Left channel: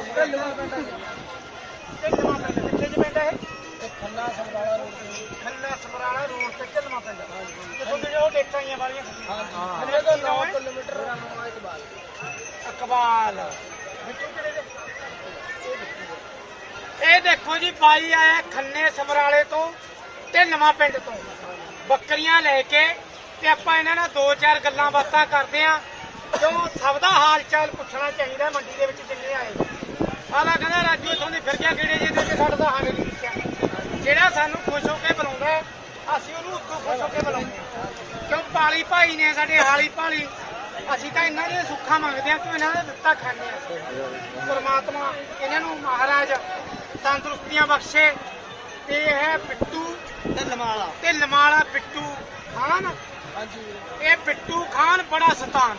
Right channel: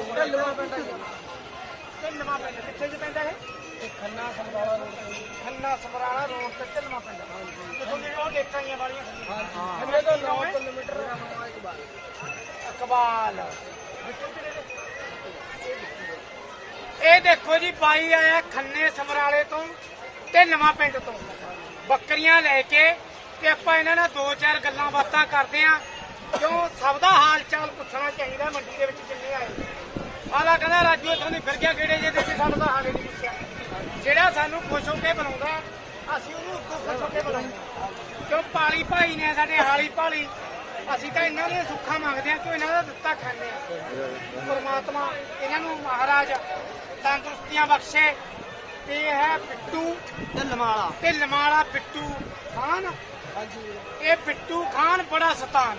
ਬਾਈ ਢਿੱਲਵਾਂ ਪਿੰਡ ਢਿੱਲਵਾਂ ਪਿੰਡ ਕਿੱਥੇ ਚ ਪੈਂਦਾ ਇਹ? ਖੰਨਾ ਸਮਰਾਲਾ ਰੋਡ ਤੇ। ਖੰਨਾ ਸਮਰਾਲਾ ਰੋਡ ਤੇ ਢਿੱਲਵਾਂ ਪਿੰਡ ਕਿਥੋਂ ਦੇ ਉਹ ਦੇਖਾਂਗੀਆਂ ਵਾਲੀਆਂ। ਖੰਨੇ ਤੋਂ 9 ਕਿਲੋਮੀਟਰ ਅਕਬਾਲ ਇਹ ਦੇਖੋ ਜੀ ਬਾਈ ਆਇਆ ਖੰਨੇ ਸਮਰਾਲੇ ਤੋਂ ਤੇ ਨਵਾਂ ਪਿੰਡ ਤੋਂ। ਬੱਕਰੀਆਂ ਲੈ ਕੇ ਤੇ ਆਪਾਂ ਇਹਨਾਂ ਨਾਲ ਦੋ ਚਾਰ ਗੱਲਾਂ ਬਾਤਾਂ ਕਰਦੇ ਆਂ। ਕਿਉਂ? ਸਭ ਦਾ ਹਾਲ ਚਾਲ ਪੁੱਛਣਾ ਚਾਹੀਦਾ ਮੰਡੀ ਦੇ ਵਿੱਚ ਜਿੰਨੇ ਆਏ ਆਲਾ ਕਹਿੰਦਾ ਰਾਜੂ ਤੁਹਾਨੂੰ ਫਿਰ ਗਿਆ, ਕਿਹੜੇ ਜੀ ਤੁਸੀਂ ਸਾਡਾ ਤਾਂ ਹਾਲੇ ਨਹੀਂ ਪੁੱਛਿਆ। ਜਿਹੜਾ ਸਾਨੂੰ ਖੁਸ਼ ਹੋ ਕੇ ਬੁਲਾਉਂਦਾ, ਅਸੀਂ ਉਹਨੂੰ ਉਦੋਂ ਖੁਸ਼ ਹੋ ਕੇ ਬੁਲਾਉਂਦੇ ਕਿਉਂ? ਪਾਲੀ ਭਾਈ ਨੇ ਸਾਡੇ ਹਾਲੀ ਭਾਲੀ। ਅਸੀਂ ਤਾਂ ਇਹਨਾਂ ਦੇ ਸੁੱਖਾਂ ਮੰਗਦੇ ਆ ਕਿ ਇਹਨਾਂ ਦਾ ਦਿੱਤਾ ਖਾਂਦੇ ਆ ਪਰਮਾਤਮਾ, ਇਹਨਾਂ ਨੂੰ ਮਹਾਰਾਜ ਤੰਦਰੁਸਤੀਆਂ ਬਖਸ਼ੇ। ਤੇ ਇਹ ਹੈ ਪਿੱਟੂ ਢਿੱਲਵਾਲਾ ਤੇ ਨਮਾਲਾ ਪਿੱਟੂ ਖਾਨ ਹਾਂਜੀ ਇਹ ਬਿੱਟੂ ਖਾਨ ਬੜਾ ਸਤਾਨ।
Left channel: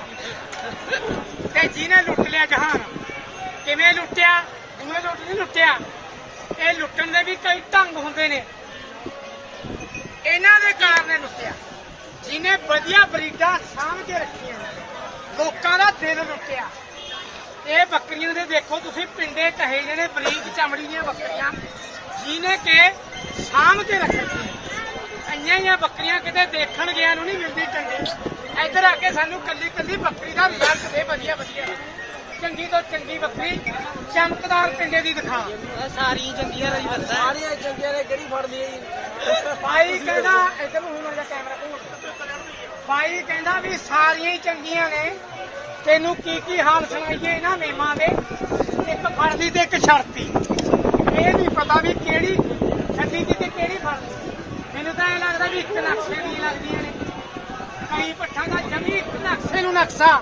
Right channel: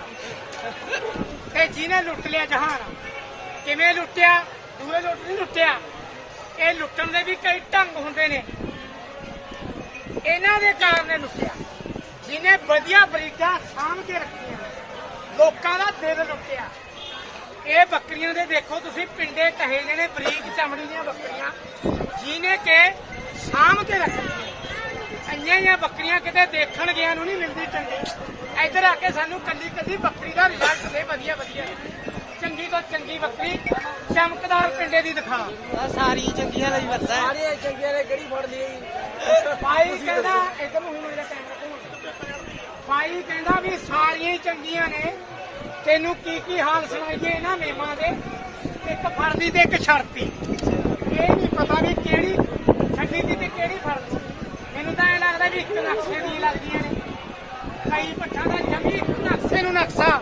ਤੇ ਜਿਹਨੇ ਲੁੱਟ ਲਿਆ ਜਹਾਨ, ਕਿਵੇਂ ਲੁੱਟਿਆ? ਦੂਏ ਲੁੱਟ ਨਹੀਂ ਲੁੱਟਿਆ। ਇਹ ਲੁੱਟਣ ਦੇ ਵੀ ਕਈ ਢੰਗ ਹੁੰਦੇ ਨੇ। ਇਹਨਾਂ ਦੇ ਕਾਰਨ ਨੇ ਲੁੱਟਿਆ। ਜਿਹਨੇ ਵਧੀਆ ਬਰੀਡਾਂ ਸਾਂਭ ਕੇ ਰੱਖੀਆਂ ਲੋਕਾਂ ਦਾ ਦਿਲ ਲੁੱਟਿਆ। ਇਹ ਬੱਕਰੀਆਂ ਦੇ ਦੇਖੋ ਤੁਸੀਂ, ਪਿੰਡੇ ਕਹੇ ਜਿਹੜੇ ਬਰੀਕ ਚਮੜੀ ਦੀਆਂ ਬੱਕਰੀਆਂ, ਜਿਹਨੇ ਕਿ ਸਾਂਭ ਕੇ ਰੱਖੀਆਂ ਅੰਨੀਆਂ ਹੀ ਬੱਕਰੀਆਂ ਕਿਤੇ ਦੇਖਣ ਗਿਆ ਨੂੰ ਨਹੀਂ ਮਿਲਦੀ ਚੰਗੀ। ਇੱਧਰ ਆ ਕੇ ਸਾਨੂੰ ਕੱਲੀ ਕੱਲੀ ਬੱਕਰੀ ਦਾ ਰਿਜ਼ਲਟ ਦੇ ਵਧੀਆ ਵਧੀਆ। ਚੰਗੀ ਤੋਂ ਚੰਗੀ ਬੱਕਰੀ ਚਮਕਦਾਰ ਪਿੰਡੇ ਦੀ ਦਿਖਾ ਸਾਰੀ ਚੰਗੀਆਂ ਦਾ ਹੀ ਬੰਦਾ ਸਾਰੀਆਂ ਚੰਗੀਆਂ ਨੇ ਕਿਹੜੀ ਫੜ ਲਈ? ਭਾਈ ਕਹਿੰਦਾ ਇੱਧਰ ਨੂੰ ਮੇਰਾ ਕੈਮਰਾ ਘੁੰਮ। ਭਾਈ ਕਹਿੰਦਾ ਵੀ ਸਾਰੀਆਂ ਹੀ ਚੰਗੀਆਂ ਨੇ। ਤੈਨੂੰ ਕੀ ਕੀ ਹਾਲ ਸੁਣਾਈਏ ਇਹਨਾਂ ਨੇਮਾਂ ਦੇ? ਇੱਕ ਫੜਦੀ ਤੇ ਇੱਕ ਛੜਤੀ ਇਹ ਨਹੀਂ ਪਤਾ ਵੀ ਕਿਹੜੀ ਛੱਡੀ ਦੀ ਤੇ ਕਿਹੜੀ ਫੜਦੀ। ਮੈਨੂੰ ਤਾਂ ਇਹ ਲੱਗਦਾ ਵੀ ਇੱਕ ਨਕਸ਼ੇ ਦੀ ਲੱਗਦੀਆਂ ਨੇ। ਕਈ ਪੱਠਾ ਦਾ ਜਮੀ ਨਕਸ਼ੇ ਨੂੰ ਨਕਸ਼ਾ।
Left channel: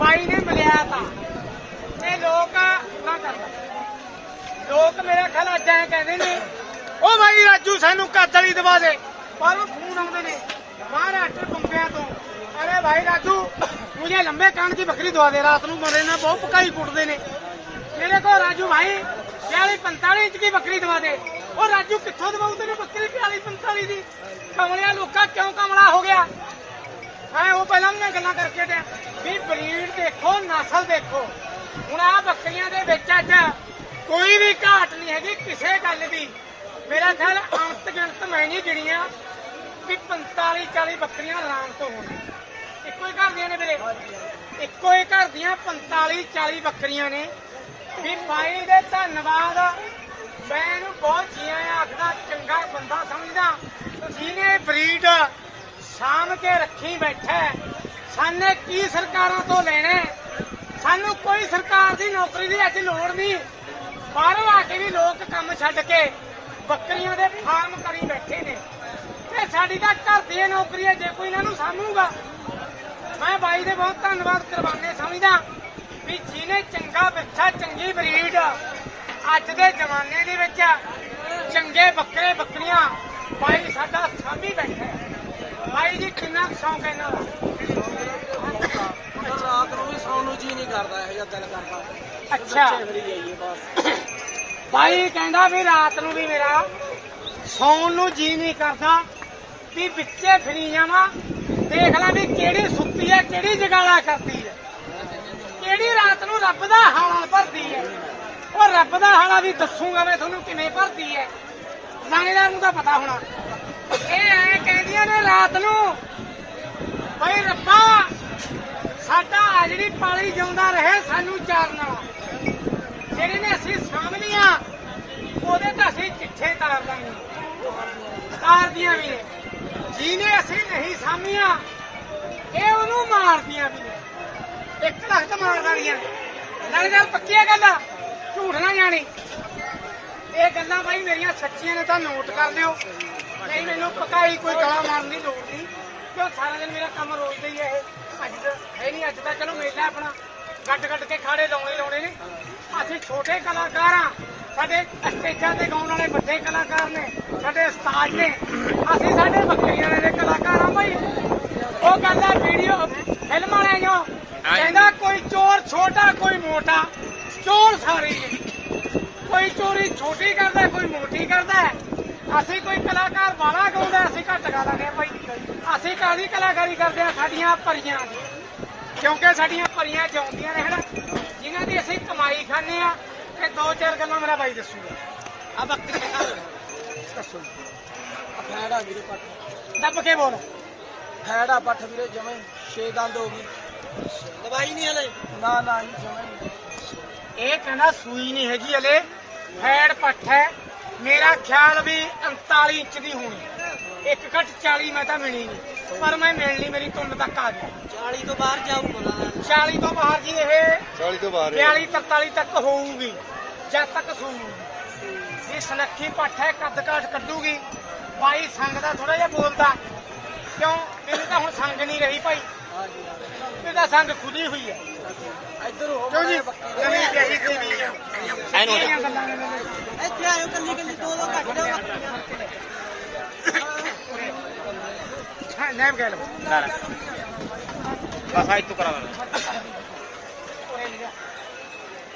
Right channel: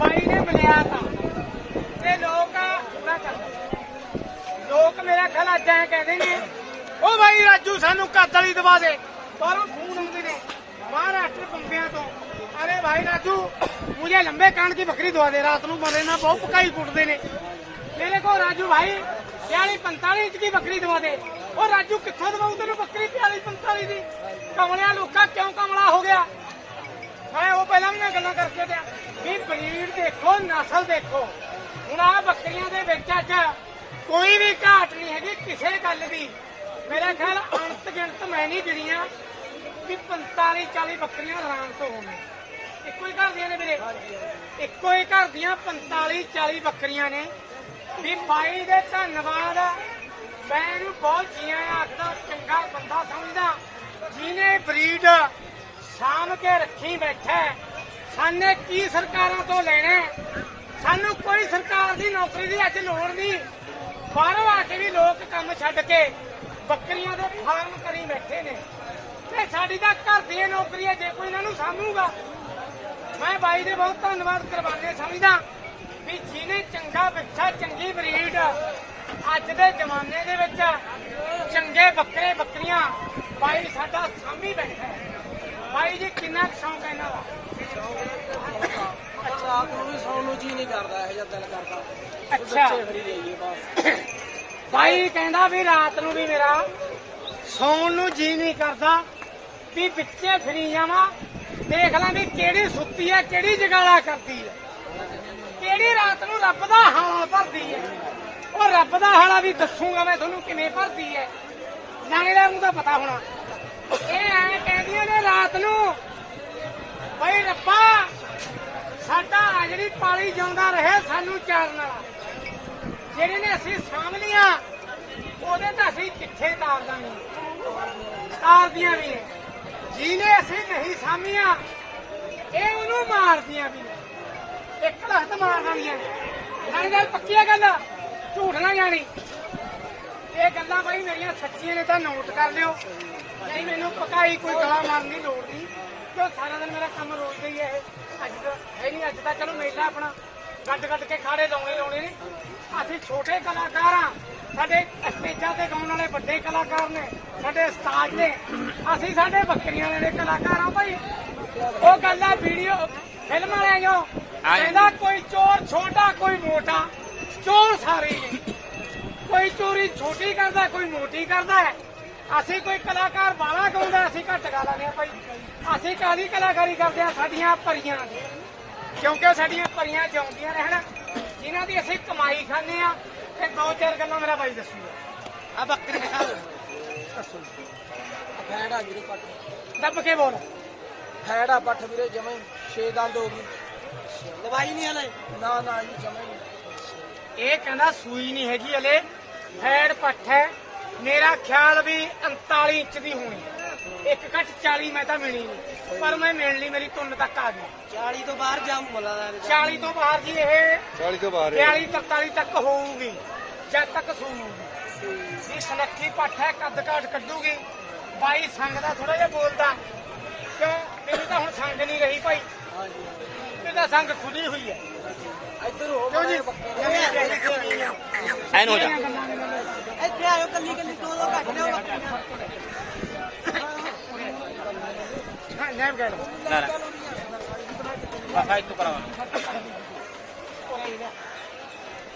ਭਾਈ ਨੇ ਮਿਲਿਆ ਤਾਂ। ਇਹ ਲੋਕ ਨਾ ਕਰਦਾ। ਲੋਕ ਮੇਰੇ ਖਿਆਲ ਅੱਜ ਐ ਕਹਿੰਦੇ ਨੇ ਉਹ ਭਾਈ ਰਾਜੂ, ਸਾਨੂੰ ਕੱਦ ਦਵਾ ਦੇ। ਬਾਹਰੋਂ ਫੋਨ ਆਉਂਦੇ ਨੇ, ਮਹਾਰਾਸ਼ਟਰ ਬੰਬਿਆਂ ਤੋਂ। ਅਰੇ ਭਾਈ ਰਾਜੂ, ਮੁਝੇ ਲੰਬੇ ਕਾਨ ਦੀ ਬੱਕਰੀ ਦਵਾ ਦੇ, ਰਾਤ ਨੂੰ ਮਰੇ ਨਾ ਬਹੁਤ ਪਕਾਈ ਕੁੱਟਦੇ ਨੇ। ਮੇਰੇ ਕੋ ਰਾਜੂ ਭਾਈ 40 45 ਇੰਚ ਦੀ ਬੱਕਰੀ ਦਵਾ ਦੇ। ਉਹ ਰਾਜੂ, ਕਿੱਥੋਂ ਦਵਾਉ ਤੈਨੂੰ ਬੱਕਰੀ 40 45 ਦੀ? ਕਮਲਿਆ, ਲੋਕਾਂ, ਕਿਉਂ ਕਮਲਾ ਹੋ ਗਿਆ? ਮੈਂ ਉਹ ਪਹਿਲਾਂ ਮੈਂ ਗੱਲਾਂ ਕਰਕੇ ਤੇ ਵੀ ਬਰੀਡ ਦੇਖੋ, ਨਸਲ ਦੇਖੋ। ਹੁਣ ਆ ਬੱਕਰੀਆਂ ਦੇ ਵਿੱਚ ਅੱਜ ਕੋਈ ਵੀ ਘਾਟ ਨਹੀਂ ਹੈਗੀ, ਕਿਸੇ ਗੱਲ ਦੀ। ਮੇਰਾ ਖਿਆਲ ਅੰਤ ਗਿਣਤ ਮੈਂ ਨਹੀਂ ਗਿਣੀਆਂ ਵੀ 45 40 ਬੱਕਰੀਆਂ ਆਰਾਮ ਤੋਂ ਹੋਣੀਆਂ ਇੱਕੋ ਹੀ ਘਰ ਦੀਆਂ ਨੇ ਵੀਰੇ। ਇੱਕੋ ਹੀ ਘਰ ਦੀਆਂ 45 40 ਬੱਕਰੀਆਂ ਨੇ। ਵੀ ਬਾਈ ਦੇ ਧੰਨਵਾਦ ਮੈਂ ਇਹਨੂੰ ਬਹੁਤ ਜੀਆਂ ਆਖਦਾ, ਚੰਗਾ ਬੰਦਾ ਸਮਝਦਾ। ਜਿਹਨੇ ਬਰੀਡ ਸਾਂਭ ਕੇ ਰੱਖੀ ਬੈਠਾ ਸਾਨੇ ਕੀ ਸਰਕਾਰਾਂ ਤੋਂ ਲੈਣਾ ਸਾਨੂੰ ਕੋਈ ਸਰਕਾਰ ਦੀ ਨੌਕਰੀ ਦੀ ਅੱਜ ਲੋੜ ਨਹੀਂ। ਬਾਹਰੋਂ ਆ ਕੇ ਵੀ ਲੋਕ ਕੰਮ ਛੱਡ ਕੇ ਬੱਕਰੀਆਂ ਦੇ ਫਾਰਮ ਕਰੀ ਬੈਠੇ ਨੇ। ਤੇ ਸਾਡੀ ਤਾਂ ਘਰ ਦੀ ਨੌਕਰੀ ਹੈ, ਜੇ ਕੋਈ ਇਹਨਾਂ ਨੂੰ ਸਾਂਭੂਗਾ। ਮੈਂ ਬਾਈ ਦੇ ਬਹੁਤ ਧੰਨਵਾਦ ਕਰਵਾਉਂਦੇ, ਸਮਝਦਾ ਵੀ ਜਿਹਨੇ ਚੰਗਾ ਬੱਚਾ, ਚੰਗੀ ਬਰੀਡ ਅੱਜ ਦੇ ਜ਼ਮਾਨੇ ਦੇ ਵਿੱਚ ਚੰਗੇ ਬੱਕਰੇ ਬੱਕਰੀਆਂ ਬਾਈ ਸਾਡਾ ਸਾਂਭੀ ਬੈਠਾ ਹੈ। ਬਾਈ ਜੀ ਕਿੰਨਾ ਸ਼ੌਂਕ ਹੈ ਇਹਨਾਂ ਦਾ? ਮਤਲਬ ਰਾਤ ਨੂੰ ਵੀ ਸੌਣ ਨੂੰ ਜੀ ਨਹੀਂ ਕਰਦਾ ਇਹੋ ਜਿਹਾ ਦਿਲ ਕਰਦਾ। ਅੱਛਾ। ਬੱਚੇ ਫਰੀ ਜਾਈਏ ਬਸ। ਬਾਈ ਕਹਿੰਦਾ ਵੀ ਰਾਤ ਨੂੰ ਵੀ ਮੇਰਾ ਸੌਣ ਨੂੰ ਜੀ ਨਹੀਂ ਕਰਦਾ ਵੀ ਵਿੱਚੇ ਫਰੀ ਜਾਵਾਂ। ਦੇਖ ਲਾਂ ਵੀ ਕਿਹੜੀ ਸੁੱਤੀ ਹੈ ਕਿਹੜੀ ਜਗਾਲਾ ਕਰਦੀ ਹੈ। ਕਿਹੜੀ ਰਾਤ ਨੂੰ ਰੱਬ ਦਾ ਹਾਲਾ ਭਰਦੀ ਹੈ। ਉਹ ਰੱਬ ਦਾ ਹਾਲਾ ਵੀ ਦੱਸੂਗਾ ਮੈਂ ਤੁਹਾਨੂੰ ਕਿਵੇਂ ਭਰਦੀ ਹੈ ਨਾਲੇ ਨੂੰ ਤਾਂ ਪਤਾ ਹੋਣਾ। ਇਹ ਐ ਕਹਿੰਦੀਆਂ ਨੇ ਰਾਤ ਨੂੰ, ਬਈ ਰੱਬਾ, ਸਾਡਾ ਆ ਪਾਲੀ ਜਿਉਂਦਾ ਰਹੇ ਸਾਨੂੰ ਚਾਰਨ। ਵਾਲਾ ਜਿਹੜੇ ਨੇ ਅਸੀਂ ਸਾਂਭ ਉਹਦੇ ਤਾਂ ਅਸੀਂ ਚਿੱਠੇ ਤਾਰ ਦਾਂਗੇ। ਤਾਰਦੀਆਂ ਵੀ ਨੇ। ਜਿਹਨੇ ਅਸੀਂ ਨਹੀਂ ਸਾਂਭੀਆਂ, ਇਹ ਉਹਨੂੰ ਮਾਰਦੀਆਂ ਵੀ ਨੇ। ਇੱਕ ਲੱਖ ਤਾਂ ਮਾਰ ਦਾਂਗੀਆਂ ਨਾਲੇ ਗੱਲ ਪੱਕੀ ਆ ਗੱਲ। ਝੂਠ ਨਾ ਜਾਣੀ। ਇਹ ਗੱਲਾਂ ਬਾਈ ਮੇਰੀਆਂ ਸੱਚੀਆਂ ਨੇ, ਤਾਂ ਨੋਟ ਕਰ ਲਿਓ। ਨਹੀਂ, ਮੈਨੂੰ ਪਕਾਈ ਕੋਈ ਗਲਾ ਮਾਰਨ ਦੀ ਲੋੜ ਨਹੀਂ। ਕਿਉਂ ਸਾਰਾ ਦਿਨ ਮੇਰਾ ਕੰਮ ਰੋਜ਼ ਦਾ ਹੀ ਹੈ ਇਹ? ਅੱਜ ਤਾਂ ਹੈ ਨਹੀਂ, ਅੱਜ ਤਾਂ ਚਲੋ ਮੇਲਾ ਆਪਣਾ। ਗੱਡ ਗੱਡ ਕੇ ਖਾੜੇ ਲਾਉਣੇ ਲਾਉਣੇ ਨੇ। ਅਸੀਂ ਛੋਟੇ ਕਲਾਕਾਰ ਆ। ਸਾਡੇ ਸਟੇਜਾਂ ਤੇ ਗਾਉਣ ਵਾਲੇ ਵੱਡੇ ਕਲਾਕਾਰ ਨੇ, ਸਾਡੇ ਉਸਤਾਦ ਨੇ। ਅਸੀਂ ਸਾਡੇ ਬੱਕਰੀਆਂ ਦੇ ਕਲਾਕਾਰ ਆ ਭਾਈ ਉਹ ਗੱਲ ਵੀਡੀਓ, ਫਿਲਮ ਵਾਲਿਆਂ ਜੋ। ਕਹਿੰਦਾ, ਕੋਈ ਚੋਰ ਛੋਟਾ, ਕੋਈ ਮੋਟਾ। ਚੋਰ ਸਾਰੇ ਹੀ ਨੇ। ਕੋਈ ਚੋਰੀ ਛੋਟੀ ਕਰਦਾ ਕੋਈ ਮੋਟੀ ਕਰਦਾ। ਅਸੀਂ ਕੋਈ ਕਲਾਕਾਰ ਵਾਲਾ ਗਾਉਂਦਾ ਅਸੀਂ ਘੱਟ ਗਾ ਲਾਂਗੇ ਭਾਈ। ਅਸੀਂ ਕਾਦੀ ਕਲਾਕਾਰੀ ਕਰਦੇ ਆ? ਸਾਡੀਆਂ ਪਰੀਆਂ ਦੀ ਕਿਉਂਕਿ ਸਾਡੀਆਂ ਭਰੀਆਂ ਜਿਉਂਦੀਆਂ ਰਹਿਣ ਜਿਨ੍ਹਾਂ ਦੀ ਅਸੀਂ ਕਮਾਈ ਖਾਂਦੇ ਆ। ਤੇ ਦੋ ਚਾਰ ਗੱਲਾਂ ਮੇਰਾ ਬਾਈ ਦੱਸੂਗਾ। ਆ ਬੱਕਰੀ ਦੱਸੋ। ਆ ਫੈੜਾ ਵੀਰੇ ਪੱਠ ਦੱਬ ਕੇ ਬੋਲ। ਫੈੜਾ ਪੱਠ ਵੀਰੇ ਜਮੇ 6 ਦੰਦ ਹੋ ਗਈ ਦਵਾਈ ਨਹੀਂ ਹਲੇ। ਨਾ ਨਾ ਜੀ ਜਮੇ ਇਹ ਕਹਿੰਦਾ ਸੂਈ ਨਹੀਂ ਹੈਗੀ ਹਲੇ। ਫੈੜ ਪੱਠ ਹੈ। ਮੇਰਾ ਖਿਆਲ ਵੀ 39 ਇੰਚ ਦੀ ਹੋਣੀ। ਇੱਕ ਘੱਟ 40 ਮੈਂ ਤਾਂ ਮਿਲੀ ਨਹੀਂ ਪਰ ਮੈਂ ਮਿਲ ਲਈ ਮੇਰੀ ਤੁੰਨ ਤੱਕ ਆ ਗਈ। 40 ਤੋਂ ਬਾਹਰ ਜਾਊ ਮਲਾ 40 ਤੋਂ ਬਾਹਰ ਜੀ ਇਹ 40 ਤੋਂ ਬਾਹਰ ਹੈ। 42 43 ਤੱਕ ਹੋਊਗੀ। ਜਦ ਤੱਕ ਸੂਊਗੀ। ਇਹ ਸਨੱਖੀ ਪੱਠ ਹੈ ਕੱਦ ਕਾਟ ਕੱਢੂਗੀ। ਬਾਈ ਸੰਗ ਦਾ ਥੋੜਾ ਜਿਹਾ ਬੋਲਦਾ। ਕਿਉਂ? ਮੈਨੂੰ ਤਾਂ ਹੁਣ ਸੰਗ ਨਹੀਂ ਰਹੀ ਭਾਈ। ਹਾਂ ਜੀ ਇਹਦਾ ਸੰਗ ਖੁੱਲੀ ਹੋਈ ਹੈ। ਇੱਧਰ ਹੋ ਬੱਕਰੇ ਸੀ ਐਨ ਹੋ ਜਾ। ਇੱਥੇ ਆਇਓ ਕੱਲੀ ਕੱਲੀ ਤੋਂ ਘੱਟ ਜਾ ਹਾਂ ਨੈਬ ਗਏ ਲੋ ਬਸ ਆ ਇੱਥੋਂ ਕਰਾਵਾਂਗੇ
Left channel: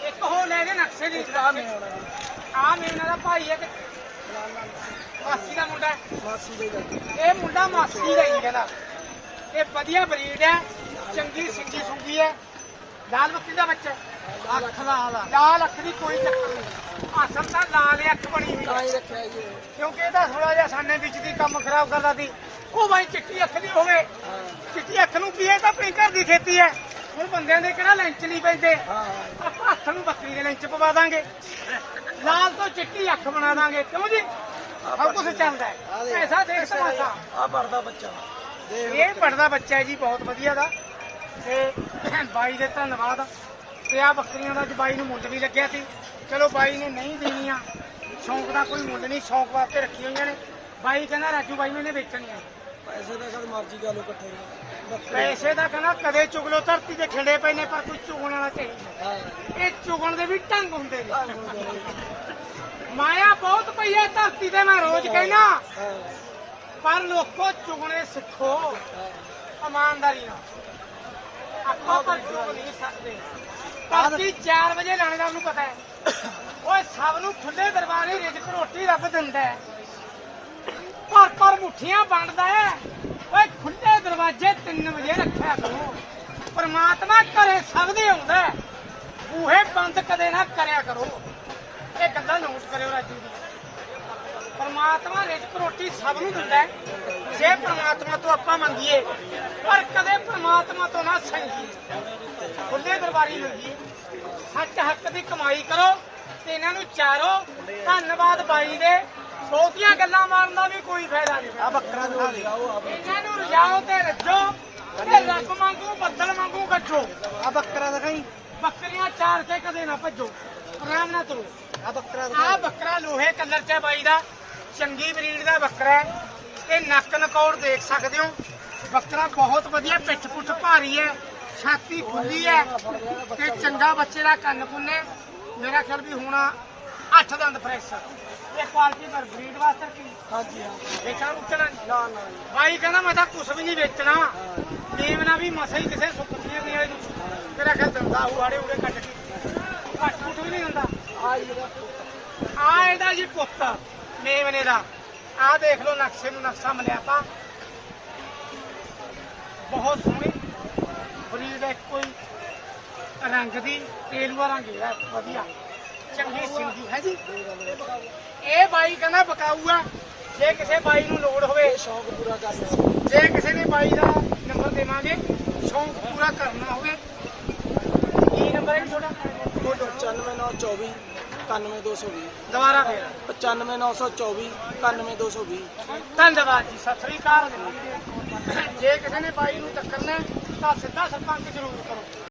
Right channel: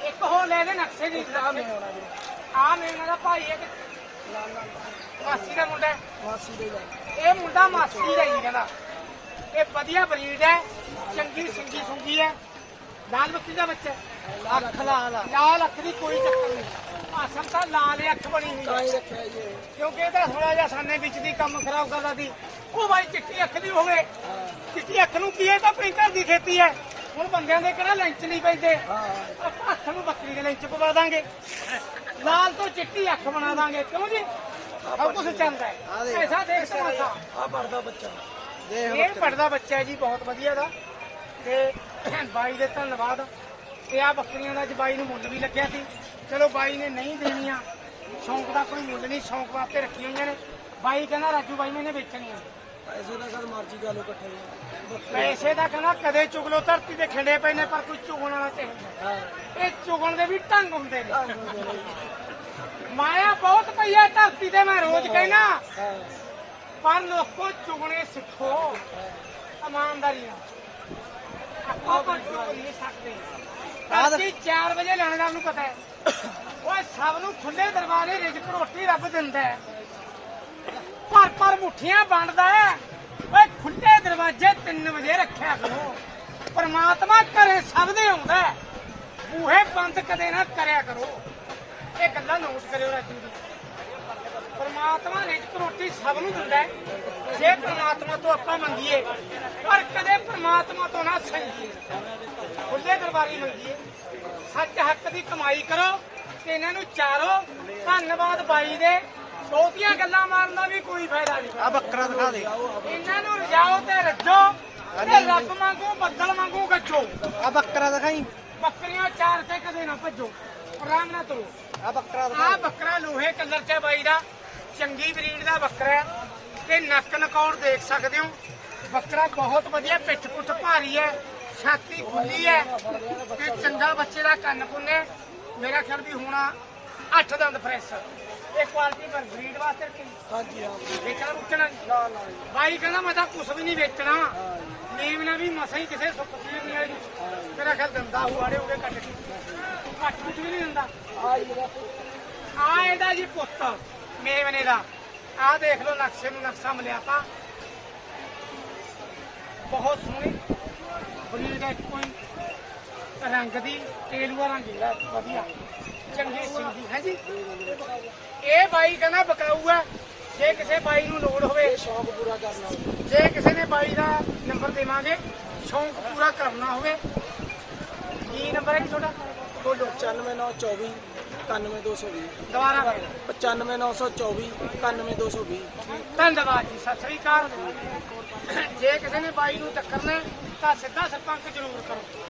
ਇੱਕ ਹੋ ਲੈ ਕੇ ਨਕਸ਼ੇ ਦੀ ਆ ਮੈਂ ਹੋਣਾ ਜੀ ਆ ਮੇਨਾ ਦਾ ਭਾਈ ਹੈ ਲਾਲ ਮਾਸੀ ਦਾ ਮੁੰਡਾ। ਮਾਸੀ ਦੇ ਇਹ ਮੁੰਡਾ ਮਾਸੀ ਦਾ ਹੀ ਕਹਿੰਦਾ। ਇਹ ਵਧੀਆ ਬਰੀਡ ਹੈ ਚੰਗੀ ਸਿੰਗੀ ਸੁੰਗੀ ਹੈ। ਲਾਲ ਬੱਕਰੀ ਦਾ ਬੱਚਾ ਅੱਖ ਲਾਲ ਆ ਲਾਲ ਅੱਖ ਦੀ ਕੋਈ ਚੱਕਰ ਨਹੀਂ। ਅਸਲ ਤਾਂ ਲਾਲ ਹੀ ਅੱਖ ਬਣੀ ਹੋਈ ਤਾਂ ਹੈ ਹੀ ਰੱਖਿਆ ਜੀ ਇਹ। ਕਿਉਂਕਿ ਇਹਦਾ ਥੋੜਾ ਜਿਹਾ ਸਾਨੇ ਵਿੱਚ ਦੀ ਕੰਮ ਖਰਾਬ ਕਰਦਾ ਸੀ। ਉਹ ਬਾਈ ਚਿੱਟੀ ਅੱਖ ਦੀ ਹੋਵੇ। ਚਿੱਟੀ ਅੱਖ ਨੂੰ ਕੀ ਹੈ? ਇਹ ਤਾਂ ਘਰ ਦੀ ਖੇਤੀ ਹੈ। ਹੁਣ ਬੰਦਿਆਂ ਦੇ ਕਿਹੜਾ ਲੈਂਚ ਨਹੀਂ ਪੈਂਦੇ। ਹਾਂ। ਆਪਾਂ ਹੱਥ ਨੂੰ ਬੱਕਰੀ ਦੇ ਲੈਂਚ ਪਵਾ ਦਾਂਗੇ। ਲਾਲ ਤੋਂ ਚਿੱਟੀ ਅੱਖ ਬਣਾ ਦਾਂਗੇ। ਕਿਉਂ ਜੀ? ਸਭ ਕੁਝ ਚੱਲਦਾ ਹੈ। ਐਸਾ ਦੇਖ। ਤਮਾਸ਼ਾ। ਆ ਪਰਦਾ ਬੱਚਾ। ਇਹ ਪੜਦਾ ਬੱਚਾ ਹੈ ਜੀ ਬਹੁਤ ਵਧੀਆ ਦਾ। ਤੇ ਬਾਈ ਦੇ ਧੰਨਵਾਦ। ਤੇ ਆ ਬੱਕਰੀਆਂ ਦਾ ਅੱਜ ਬਾਈ ਨੂੰ ਮੁੱਲ ਵੀ ਲੱਗਿਆ ਸੀ। ਚਲੋ ਬਾਈ ਨੇ ਨਹੀਂ ਦੇਣੀਆਂ। ਸ਼ੌਂਕ ਦਾ ਕੋਈ ਮੁੱਲ ਨਹੀਂ ਸ਼ੌਂਕ ਵਾਸਤੇ ਰੱਖੀ ਹੋਈਆਂ ਨੇ। ਬਾਈ ਕਹਿੰਦਾ ਰਾਜੂ ਬਾਈ ਮੈਨੇ ਵੇਚਣੀਆਂ। ਪੈਸੇ ਦਾ ਕਦ ਮਰਜ਼ੀ ਗੱਲ ਇਕੱਠੇ ਪੈਸੇ ਦਾ ਕਹਿੰਦਾ ਕਦੇ ਚੁਗਲੋ ਧਰਤੀ ਤੇ ਖਿੰਡੇ ਪਏ ਨੇ ਪਰ ਕੋਈ ਚੁਗਣ ਵਾਲਾ ਚਾਹੀਦਾ ਇਹ ਚੁਗਣ ਦੇ ਵੀ ਢੰਗ ਹੁੰਦੇ ਨੇ। ਮਾਇਆ ਬਹੁਤ ਪਈ ਹੈ ਧਰਤੀ ਤੇ ਮੈਂ ਰੋਜ਼ ਕਹਿਣਾ ਪਰ ਲੋਕੋ ਚੁਗਣੇ ਸਿੱਖੋ। ਇਮਾਨਦਾਰੀ ਨਾਲ। ਆਪਾਂ ਪਰ ਨਹੀਂ ਸਕਦੇ ਧਰਤੀ 4 ਵਜੇ ਲਾਣੇਦਾਰ ਨੂੰ ਪਤਾ ਹੈ। ਓਏ ਸਭ ਨੂੰ ਖੁੱਲੇ ਦਰਵਾਜ਼ੇ ਰਿਜ਼ਕ ਰੋਟੀ ਰੱਬ ਦਿੰਦਾ ਹੈ। ਪਰ ਪਰ ਮੁੱਠੀਆਂ ਵੰਡਦਾ ਹੈ। ਓਏ ਖੁੱਲੇ ਦਰਵਾਜ਼ੇ 3 ਵਜੇ ਰੱਖਿਆ ਕਰੋ। ਪਰਮਾਤਮਾ ਘਰੇ ਸਭ ਦੇ ਆਉਂਦਾ ਬੂਹੇ ਬੰਦ ਕਦੇ ਨਾ ਕਰਿਆ ਕਰੋ। ਇਹ ਗੱਲਾਂ ਨੋਟ ਕਰਿਓ ਰਾਜੂ ਜੀ। ਪਰਮਾਤਮਾ ਰਿਜ਼ਕ ਰੋਟੀ ਸਭ ਨੂੰ ਦਿੰਦਾ ਹੈ। ਜੇ ਪਰਮਾਤਮਾ ਤੋਂ ਆਪਾਂ ਮੰਗੀਏ ਪਰ ਕਦੇ ਪਰਮਾਤਮਾ ਤੋਂ ਨਾ ਸੰਗੀਏ। ਖੁੱਲੇ ਦਰਬਾਰੀ ਮੰਗੀਏ। ਸੱਚ ਹੱਕ ਦੀ ਕਮਾਈ ਕਰੋ ਤੇ ਇਹਨਾਂ ਨੂੰ ਚਾਰੋ। ਧੰਨਵਾਦ ਬਾਈ ਦੇ। ਛੋਟੀਆਂ ਗੱਲਾਂ ਮਾਰਨ ਦਾ ਵੀ ਕੋਈ ਫਾਇਦਾ ਨਹੀਂ। ਆ ਬੱਕਰਾ ਦਿਖਾ ਦੇ। ਇਹਨਾਂ ਨੂੰ ਰਜਾਓ ਤੇ ਰੱਜੋ ਤੇ ਰੱਬ ਵਾਂਗੂ ਬੱਦਲ ਵਾਂਗੂ ਗੱਜੋ। ਆ ਬੱਕਰਾ ਦਿਖਾਈ। ਬੱਕਰੀਆਂ ਚਾਰ ਕੇ ਕਦੇ ਨਾ ਭੱਜੋ। ਆਰਾਮ ਨਾਲ ਤੁਰੋ। ਆ ਬੱਕਰਾ ਆ ਬੱਕਰਾ ਲੋਹੇ ਕਲਰ ਚ ਬਾਈ ਦਾ। ਚੰਗੀ ਬਰੀਡ ਦਾ ਬੱਕਰਾ ਹੈ। ਤੇ ਨੱਕ ਨਕੌਰ ਦੇਖ ਸਕਦੇ ਹੋ। ਬੱਕਰਾ ਬਹੁਤ ਵਧੀਆ ਪਿੱਠ ਪੁੱਠ ਭਾਰੀ ਹੈ ਛਾਤੀ ਖੁੱਲੀ ਹੈ ਤੇ ਚੰਗਾ ਬੱਚੇ ਦਾ ਕੰਨ ਪੁੰਨੇ। ਮੇਰਾ ਖਿਆਲ ਵੀ ਹੋਣਾ 8 ਦੰਦ ਫਰੈਸ਼ ਤੇ ਕੁਆਲਿਟੀ ਪਰ ਬਰੀਡ ਵਾਸਤੇ ਕੀ? ਹਾਂਜੀ ਹਾਂ। ਵੇਚਣਾ ਉੱਚਣਾ ਨਾ ਨਾ ਬਾਈ ਕਹਿੰਦਾ ਮੈਂ ਤਾਂ ਕੁਝ ਵੀ ਨਹੀਂ ਵੇਚਣਾ। ਨੀਮ ਨਾ ਵੀ ਮਸਾ ਹੀ ਕਿਸੇ ਸੁੱਕ ਜੀਵਨੀ ਵਾਲੇ ਨੂੰ। ਮੇਰਾ ਖਿਆਲ ਦਿੰਦਾ ਹੂ ਆੜੇ ਉੜੇ ਕੱਢ ਕੇ। ਘੱਟ ਕੁੱਟ ਵੀ ਨਹੀਂ ਦਿੰਦਾ। ਆ ਇਹਦਾ ਆ ਇਹਦਾ ਜੀ ਪੁੱਤ ਮੇਵਨੇ ਦਾ। ਆਹ ਦੇਖ ਲਓ ਨਕਸ਼ੇ ਨੂੰ ਨਕਸ਼ਾ ਮਿਲਿਆ ਤਾਂ। ਬਹੁਤ ਸੋਹਣੀ। ਬਰੀਡ ਹੈ ਕੋਈ ਰੰਗ ਦੀ, ਤੇਲੂਆ ਰੰਗ ਜਿਹੜਾ ਵਧੀਆ। ਚੰਗੀ ਸਿੰਗੀ, ਹੈ ਜੀ? ਇਹ ਬਾਈ ਕਹਿੰਦਾ ਬਕਾਊ ਆ। ਜੇ ਕਿਸੇ ਬਾਈ ਨੂੰ ਲੋੜ ਹੋਵੇ ਸ਼ੌਕ ਪੂਰਾ ਕਰਨਾ ਜੇ ਕਿਸੇ ਨੇ ਬਾਈ ਦਾ ਨੰਬਰ ਦੇਵਾਂਗੇ, ਸ਼ੌਕ ਪੂਰਾ ਕਰਨਾ ਹੋਵੇ। ਕੀ ਨੰਬਰ ਹੈ ਜੀ ਤੁਹਾਡਾ? 94924 95220 ਦੁਬਾਰਾ ਫੇਰ। 95924 95220 ਧੰਨਵਾਦ ਜੀ ਸਤਿ ਸ੍ਰੀ ਅਕਾਲ। ਜੇ ਕਿਸੇ ਨੇ ਬਾਈ ਨੂੰ ਟੱਕਰਨਾ ਤਾਂ ਸਿੱਧਾ ਸਰਪੰਚ ਜ਼ਰੂਰ ਕਰੋ।